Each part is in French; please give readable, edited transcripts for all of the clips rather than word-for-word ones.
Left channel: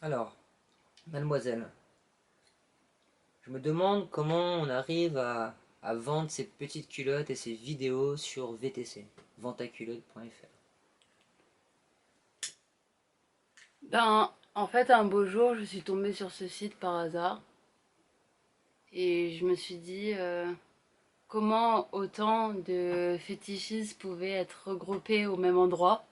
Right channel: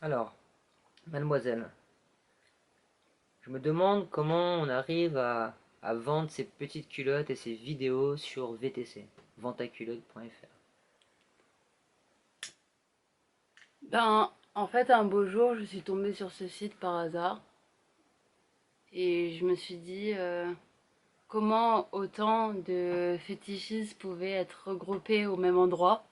Alors, mademoiselle, je me demande comment on arrive à vendre ces petites culottes et ces vidéos sur VTC, ventaculotte.fr. Ben, en fait, un beau jour, je suis tombée sur ce site par hasard et je me suis dit comment autant de fétichistes pouvaient être regroupés au même endroit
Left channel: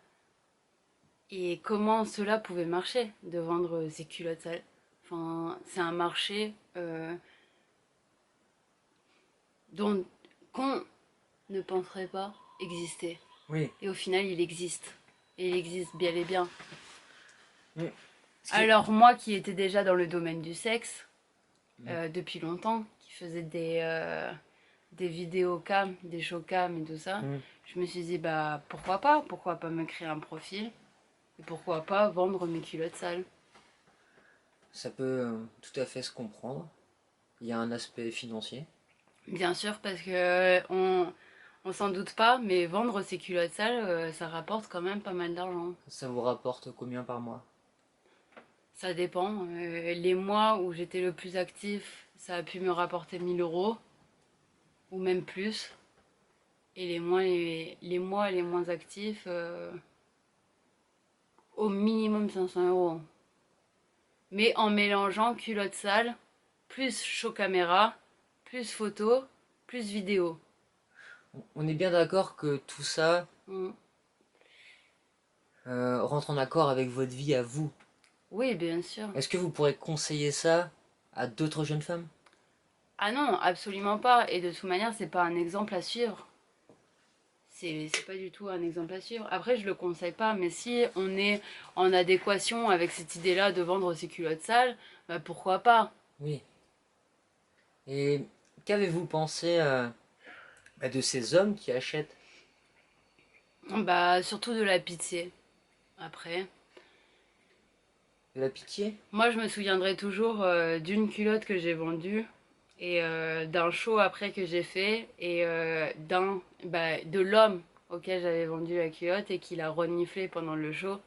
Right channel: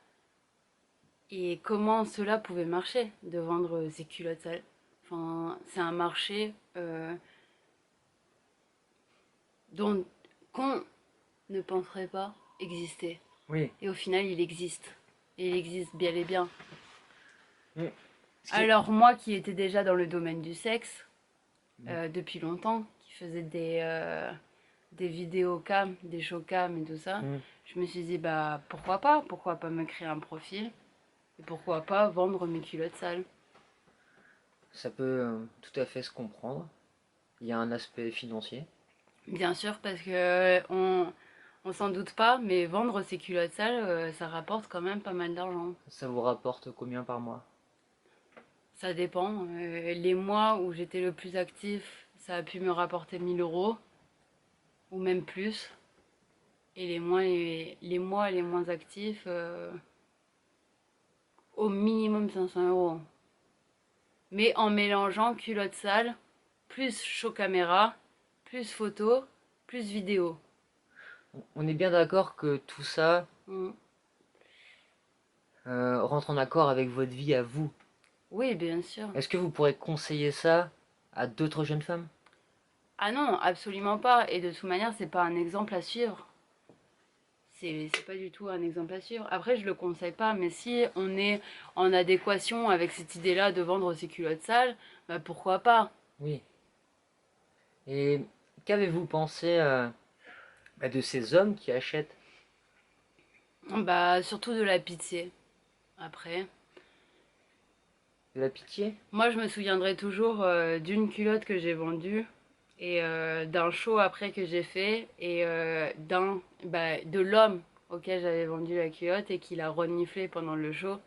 et comment cela pouvait marcher de vendre ces culottes sales. Enfin, c'est un marché dont qu'on ne penserait pas exister. Oui. Et au final, il existe. Et il existe bien et bien. Mm. Ce qui... Alors moi qui étais déjà dans le domaine du sexe, Mm. depuis longtemps, qui faisait des vidéos cam, des show cam et tout ça, Mm. je me suis dit bah pourquoi pas me créer un profil et pourquoi pas vendre mes culottes sales. Ça peut tout à fait se comprendre. Il y a un aspect financier. Bien sûr parce que on s'en doute pas, mais vendre ces culottes sales, ça rapporte quand même pas mal d'argent. Ça vous rapporte combien par mois? Ça dépend. Les mois où j'étais le plus actif, ça a pu me rapporter 1 000 € ou même plus. Et les mois les moins actifs, au minimum 500 euros. Mais en mélangeant culotte sale, plus show caméra, plus photo, plus vidéo. On est bien d'accord que tout ça Mm. rentre en accord avec votre vie à vous. Oui, bien sûr. Est-ce que vous pourrez conseiller ça à d'autres jeunes femmes? Ah non, absolument pas. Et de toute manière, c'est pas un exemple à suivre. C'est pas du tout un exemple à suivre. Après, je le conseille pas, mais si on est en adéquation avec cette idée-là de vendre ses culottes sales, bah pourquoi pas. Oui. Et qu'avez-vous pensé de ces hommes qui achètent Bah surtout de la pitié. Après. de la pitié? Moi, je me souviendrai toujours d'une culotte que j'ai vendue et d'un show après que j'ai fait et de l'homme auquel j'avais vendu la culotte et qui l'a reniflé pendant le show.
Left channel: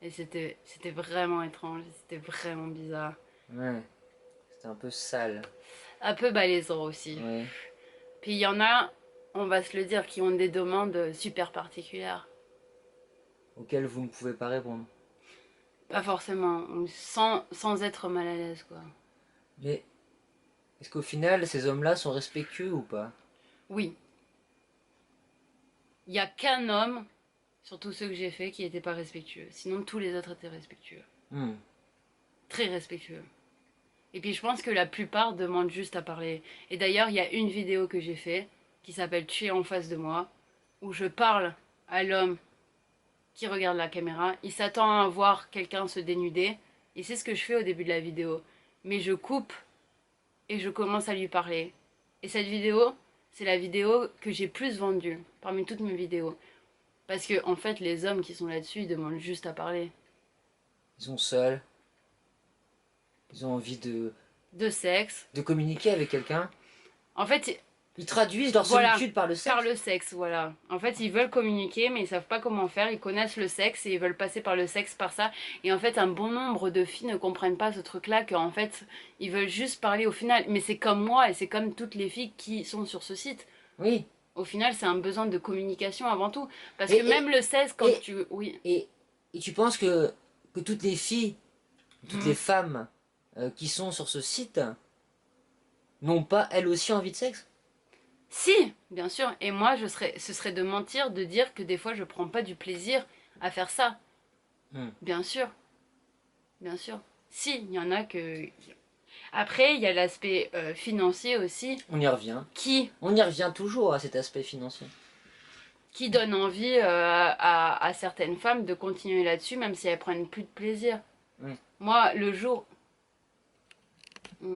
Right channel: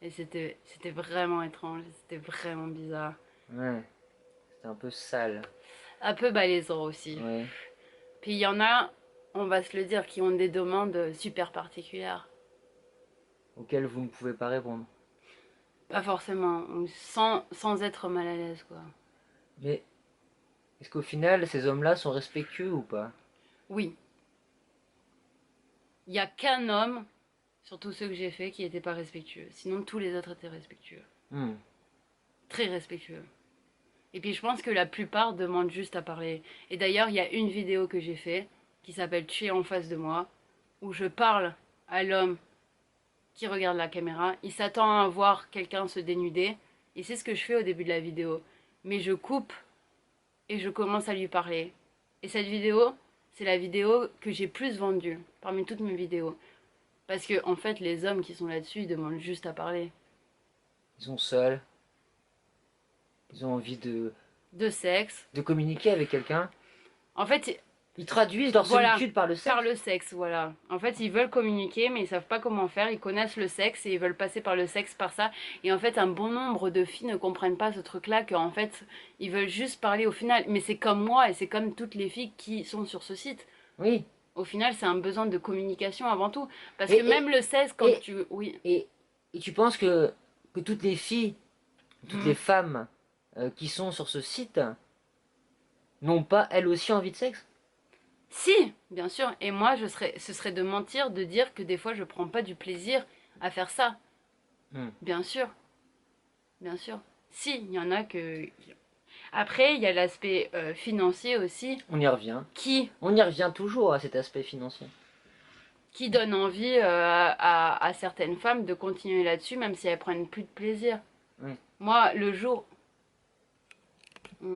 Et c'était vraiment étrange, c'était vraiment bizarre. Ouais, c'était un peu sale. Un peu malaisant aussi. Ouais. Puis il y en a, on va se le dire, qui ont des demandes super particulières. Auquel vous ne pouvez pas répondre. Pas forcément, sans être mal à l'aise, quoi. Mais est-ce qu'au final, ces hommes-là sont respectueux ou pas? Oui, il y a qu'un homme, surtout ceux que j'ai fait, qui n'étaient pas respectueux. Sinon, tous les autres étaient respectueux. Hmm. Très respectueux. Et puis je pense que la plupart demandent juste à parler. Et d'ailleurs, il y a une vidéo que j'ai fait qui s'appelle Tu es en face de moi, où je parle à l'homme qui regarde la caméra. Il s'attend à voir quelqu'un se dénuder. Et c'est ce que je fais au début de la vidéo. Mais je coupe et je commence à lui parler. Et cette vidéo, c'est la vidéo que j'ai plus vendue parmi toutes mes vidéos. Parce que en fait, les hommes qui sont là-dessus, ils demandent juste à parler. Ils sont seuls, ils ont envie De sexe. de communiquer avec quelqu'un. En fait, Ils traduisent leur voilà, solitude par le par sexe. le sexe, voilà. En fait, ils veulent communiquer, mais ils savent pas comment faire. Ils connaissent le sexe et ils veulent passer par le sexe, par ça. Et en fait, un bon nombre de filles ne comprennent pas ce truc-là, qu'en fait, ils veulent juste parler au final. Mais c'est comme moi et c'est comme toutes les filles qui sont sur ce site. Oui. Au final, c'est un besoin de communication avant tout. Parce que Et, même et, le sexe, quand et, tu... Oui. et, et tu penses que toutes les filles, toutes les Hmm. femmes qui sont sur ce site n'ont pas elles aussi envie de sexe? Si, bien sûr. Et moi, ce serait de mentir de dire que des fois, je prends pas du plaisir à faire ça. Hmm. Bien sûr, bien sûr. Si, il y en a que... Après, il y a l'aspect financier aussi On y revient. qui, On y revient toujours à cet aspect financier. qui donne envie à certaines femmes de continuer là-dessus, même si elles prennent plus de plaisir. Hmm. Moi, le jour